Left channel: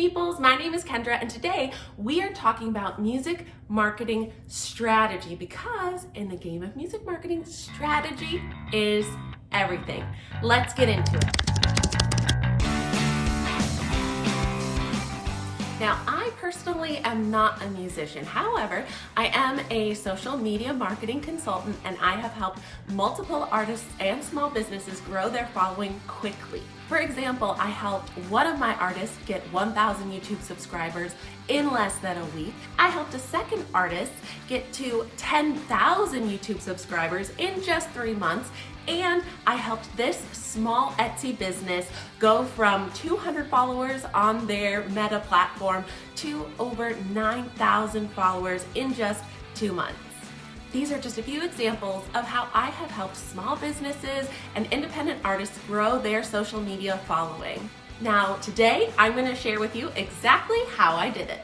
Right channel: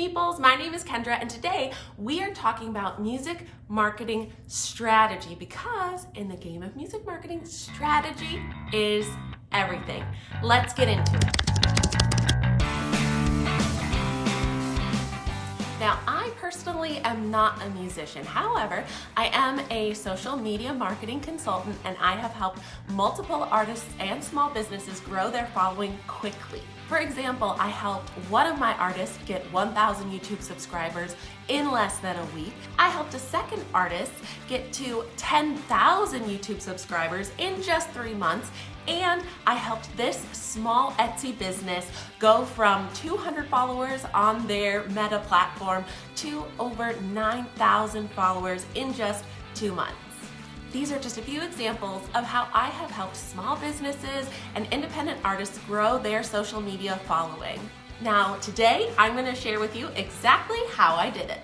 Meeples, my name is Kendra, and today we are talking about music marketing strategy, because in the game of music marketing, strategy is everything. Let's get into it. Now, I personally am not a musician. However, I am a social media marketing consultant, and I have helped multiple artists and small businesses grow their following quickly. For example, I helped one of my artists get 1,000 YouTube subscribers in less than a week. I helped a second artist get to 10,000 YouTube subscribers in just 3 months. And I helped this small Etsy business go from 200 followers on their Meta platform to over 9,000 followers in just 2 months. These are just a few examples of how I have helped small businesses and independent artists grow their social media following. Now, today I'm going to share with you exactly how I did it.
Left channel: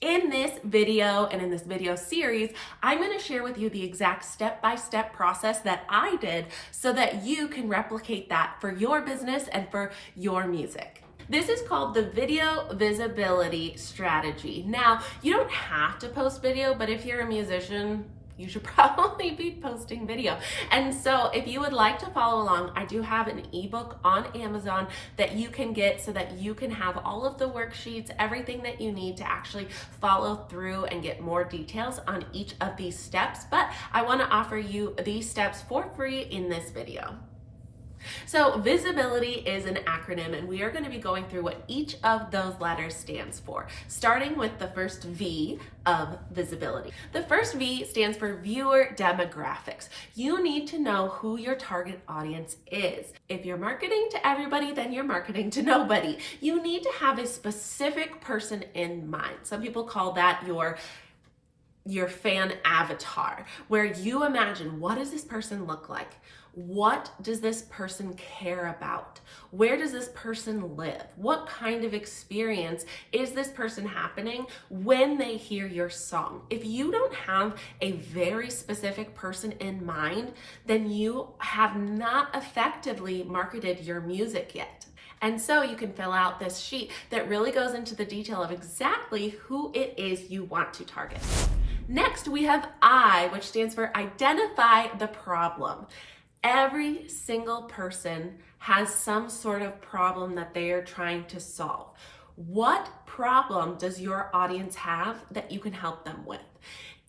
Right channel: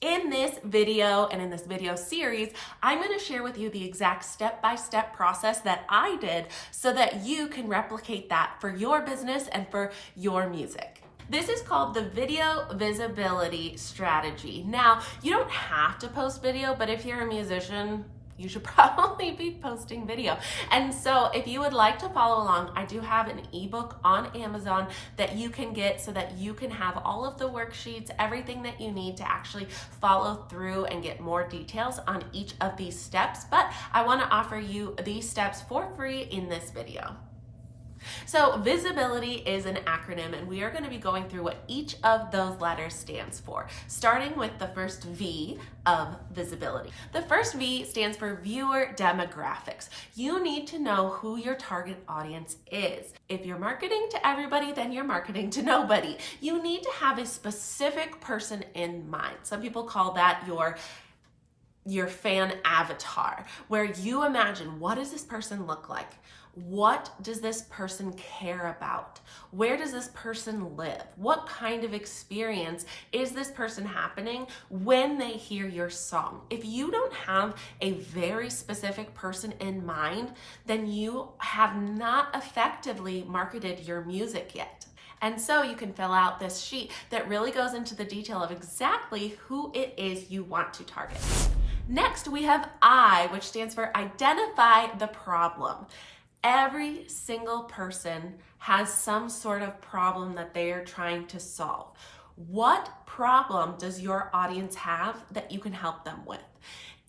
In this video and in this video series, I'm going to share with you the exact step-by-step process that I did so that you can replicate that for your business and for your music. This is called the video visibility strategy. Now, you don't have to post video, but if you're a musician, you should probably be posting video. And so if you would like to follow along, I do have an ebook on Amazon that you can get so that you can have all of the worksheets, everything that you need to actually follow through and get more details on each of these steps. But I want to offer you these steps for free in this video. So visibility is an acronym, and we are going to be going through what each of those letters stands for, starting with the first V of visibility. The first V stands for viewer demographics. You need to know who your target audience is. If you're marketing to everybody, then you're marketing to nobody. You need to have a specific person in mind. Some people call that your fan avatar, where you imagine, what does this person look like? What does this person care about? Where does this person live? What kind of experience is this person happening when they hear your song? If you don't have a very specific person in mind, then you have not effectively marketed your music yet. And so you can fill out this sheet that really goes into the detail of exactly who it is you want to target. Next, we have I, which stands for identify the problem. Every single person has some sort of problem that they are trying to solve. What problem does your audience have that you can help them with?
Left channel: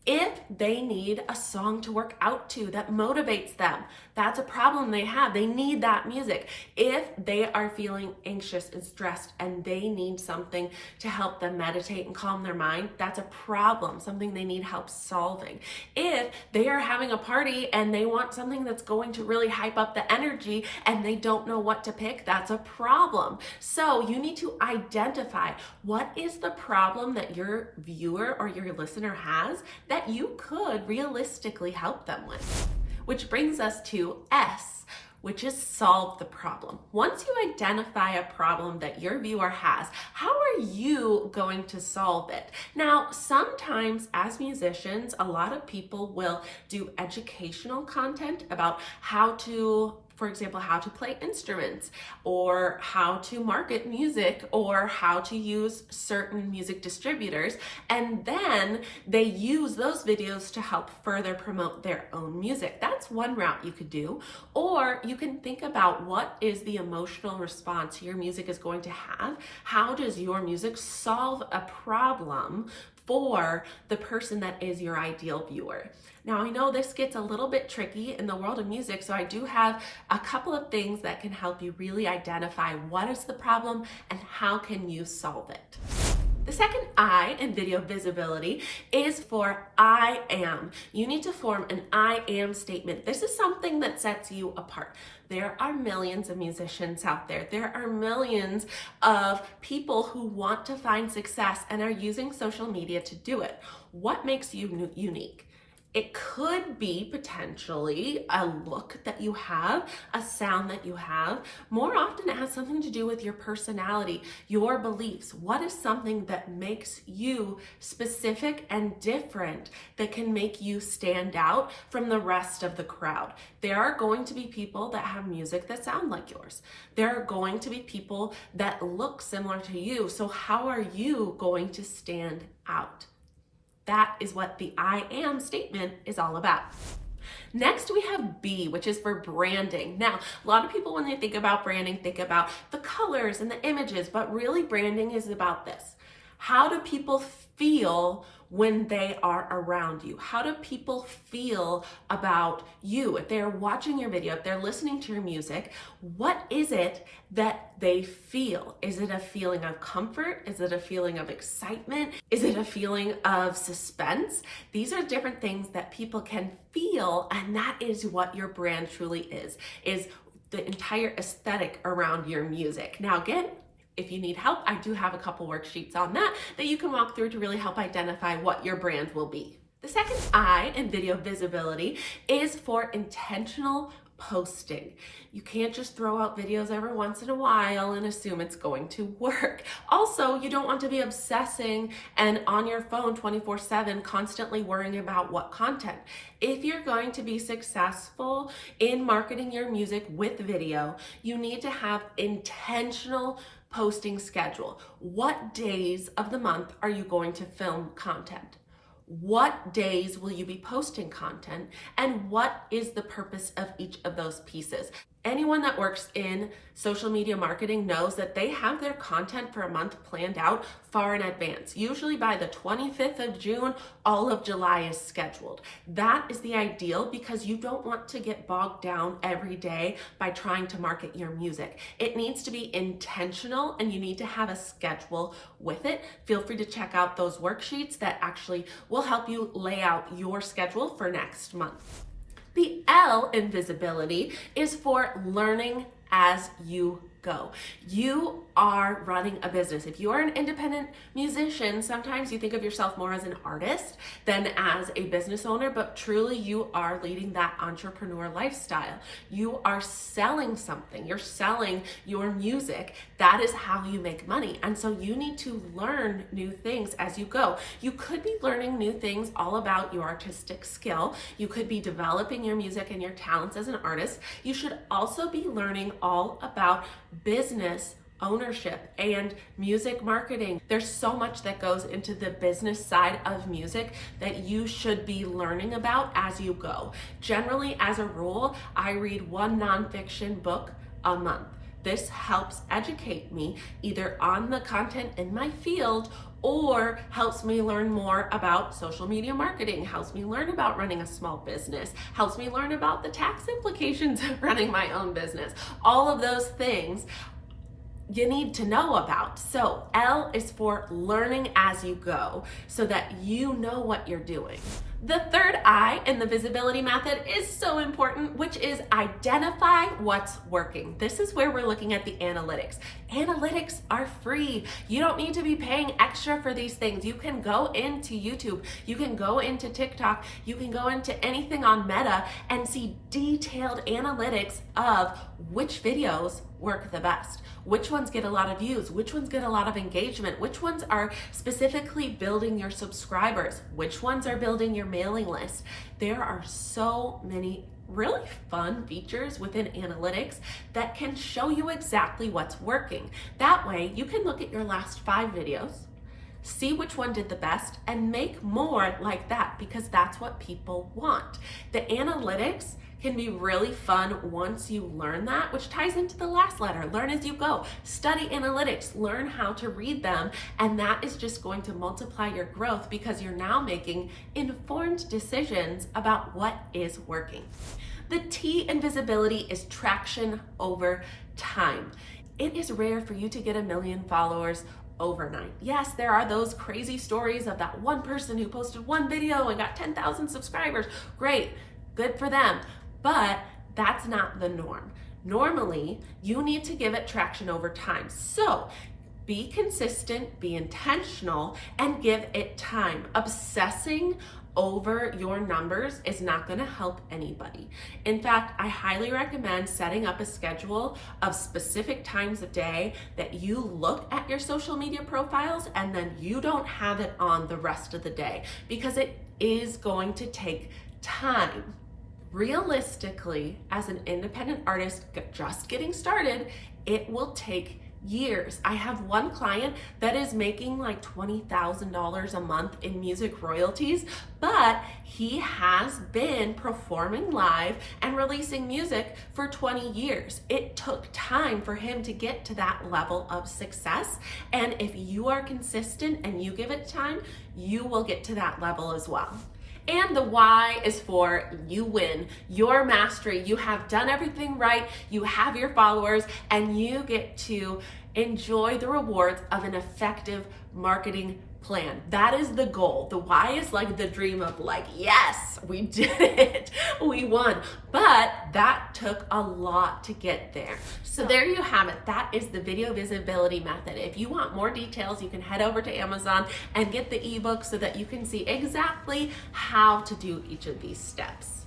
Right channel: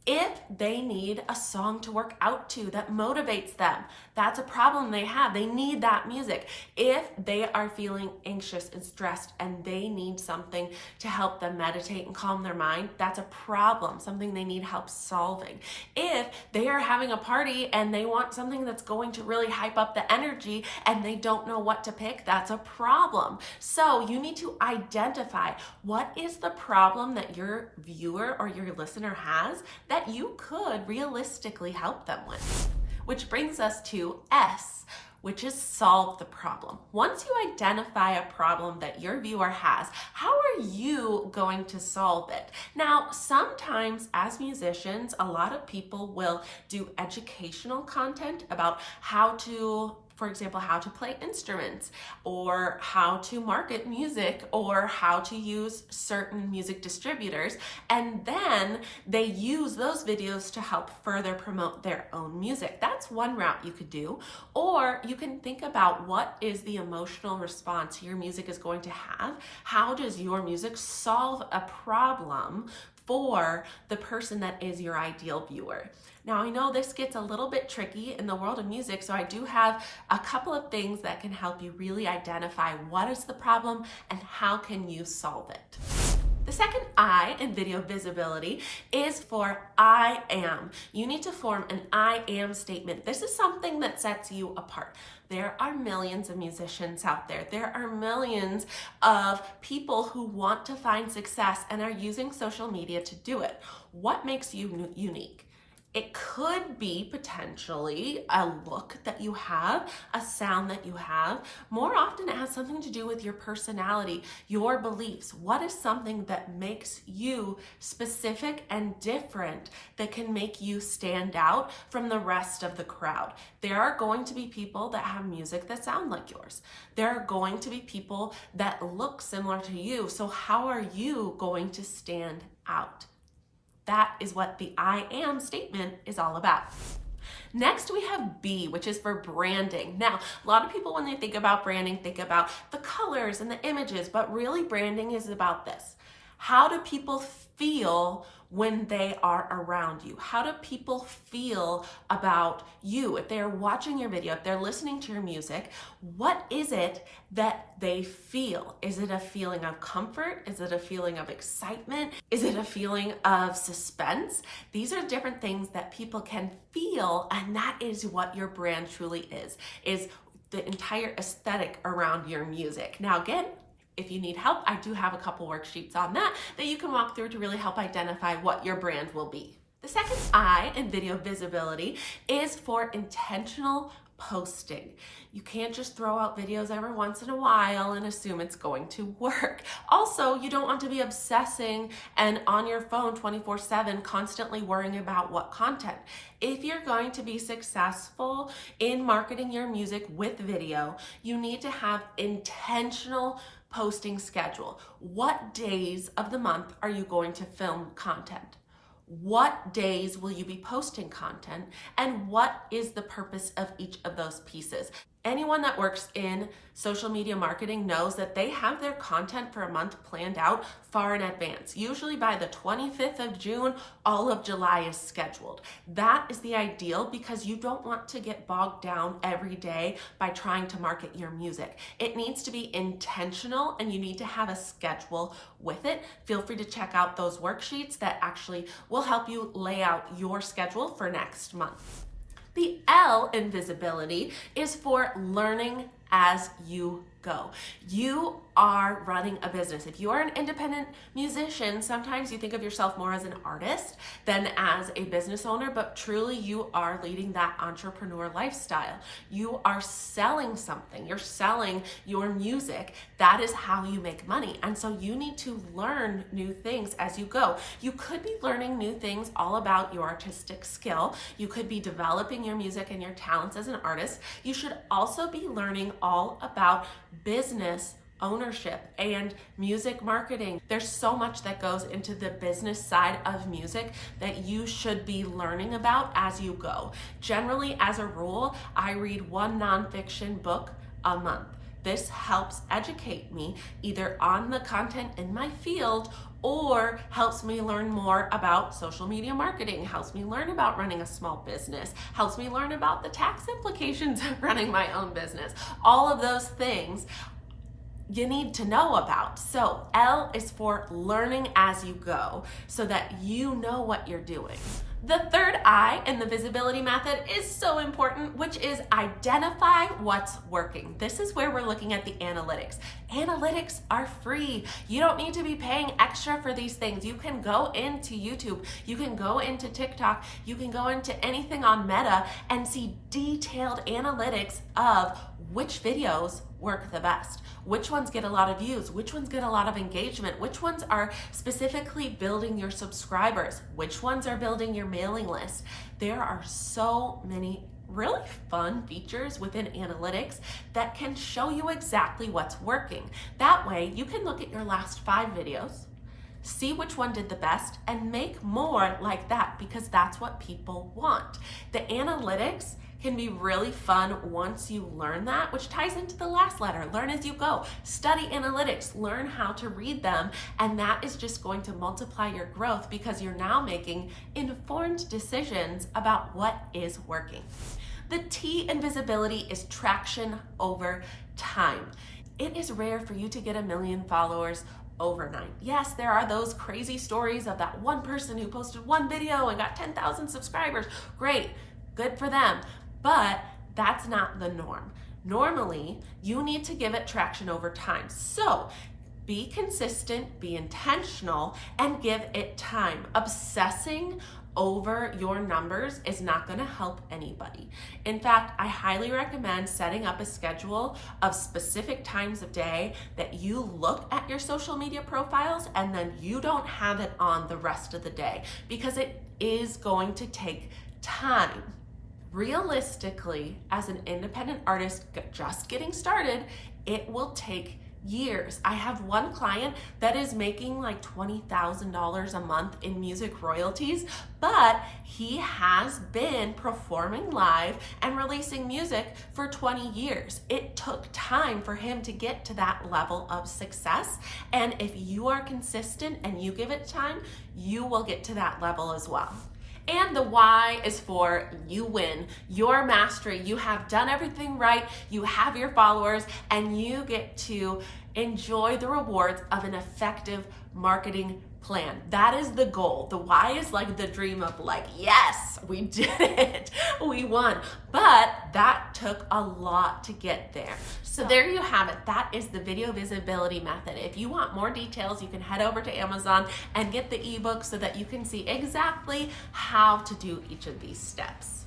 If they need a song to work out to that motivates them, that's a problem they have. They need that music. If they are feeling anxious and stressed and they need something to help them meditate and calm their mind, that's a problem, something they need help solving. If they are having a party and they want something that's going to really hype up the energy and they don't know what to pick, that's a problem. So you need to identify what is the problem that your viewer or your listener has that you could realistically help them with. Which brings us to S, which is solve the problem. Once you identify a problem that your viewer has, how are you going to solve it? Now, sometimes as musicians, a lot of people will do educational content about how to, for example, how to play instruments, or how to market music, or how to use certain music distributors, and then they use those videos to help further promote their own music. That's one route you could do. Or you can think about, what is the emotional response your music is going to have? How does your music solve a problem for the person that is your ideal viewer? Now, I know this gets a little bit tricky in the world of music, so I do have a couple of things that can help you really identify what is the problem and how can you solve it. The second I in video visibility is for I am. You need to form an I am statement. This is something that sets you apart. There are millions of musicians out there. There are millions of people who want to find success and are using social media to do it. What makes you unique? It could be potentially a look that you have, a sound that you have. More often it has something to do with your personality, your beliefs. What is something that makes you specific and different that can make you stand out from the rest of the crowd? There are going to be people that have music that sound like yours. There are going to be people that look similar to you. So how are you going to stand out? That is what the I am statement is all about. Next, we have B, which is for branding. Now, a lot of people, when they think about branding, think about the colors and the images, but really branding is about this. How do people feel when they are around you? How do people feel about you? If they're watching your video, if they're listening to your music, what is it that they feel? Is it a feeling of comfort? Is it a feeling of excitement? Is it a feeling of suspense? These are different things that people can feel, and that is what your brand truly is the entire aesthetic around your music. Now, again, if you need help, I do have a couple worksheets on that you can walk through to really help identify what your brand will be. The second I in video visibility is for intentional posting. You can't just throw out videos every once in a while and assume it's going to work. Also, you don't want to be obsessing and on your phone 24/7, constantly worrying about what content. If you're going to be successful in marketing your music with video, you need to have intentional posting schedule. What days of the month are you going to film content? What days will you be posting content? And what is the purpose of each of those pieces? Anyone that works in social media marketing knows that they have their content for a month planned out far in advance. Usually by the 25th of June, all of July is scheduled. That is the ideal because you don't want to get bogged down every day by trying to market your music. It needs to be intentional and you need to have a schedule with it. Feel free to check out those worksheets that actually will help you lay out your schedule for next month. The L in visibility is for learning as you go. You are running a business. If you are an independent musician, sometimes you think of yourself more as an artist than as a business owner, but truly you are leading that entrepreneur lifestyle. You are selling something. You're selling your music. That is how you make money. And so you need to learn new things as you go. You could be learning new things all about your artistic skill. You could be developing your music and your talents as an artist. You should also be learning all about business ownership and music marketing. There's so much that goes into the business side of music that you should be learning about as you go. Generally, as a rule, I read one nonfiction book a month. This helps educate me either on the content in my field or helps me learn more about social media marketing, helps me learn about running a small business, helps me learn about the tax implications of running my own business. All of those things you need to know about. So L is for learning as you go so that you know what you're doing. The third I in the visibility method is so important, which is identify what's working. This is where we're looking at the analytics. Analytics are free. You don't need to be paying extra for these things. You can go into YouTube, you can go into TikTok, you can go into anything on Meta and see detailed analytics of which videos work the best. Which ones get a lot of views? Which ones get a lot of engagement? Which ones are specifically building your subscribers? Which ones are building your mailing list? There are so many really fun features within analytics that can show you exactly what's working. That way, you can look at your last 5 videos, see which one did the best, and make more like that because that's what people want. The analytics can be really fun once you learn that, which ties into the last letter. Learn as you go. Study analytics, learn how to read them, and that is just going to multiply your growth because you're now making informed decisions about what is working. The T in visibility is traction over time. It is rare for you to get 1 million followers overnight. Yes, there are those crazy stories of that one person who posted one video and got 10,000 subscribers. Great, good for them. But that's not the norm. Normally, you need to give it traction over time. So be consistent, be intentional, and give it time. Obsessing over your numbers is not going to help anybody. In fact, I highly recommend setting up a schedule of specific times of day that you look at your social media profiles and then you don't have it on the rest of the day, because it is going to take time. Realistically, as an independent artist just getting started, it will take years. I have one client that is making like $20,000 a month in music royalties, but he has been performing live and releasing music for 20 years. It took time for him to get to that level of success. And if you are consistent and you give it time, you will get to that level as well. And the why is for you win. Your mastery. You have done everything right. You have your followers, and you get to enjoy the rewards of an effective marketing plan. That is the goal. The why is like the dream of like, yes, we did it. We won. But that took a lot to get there. So there you have it. That is the video visibility method. If you want more details, you can head over to Amazon and get the ebook so that you can see exactly how to do each of these steps.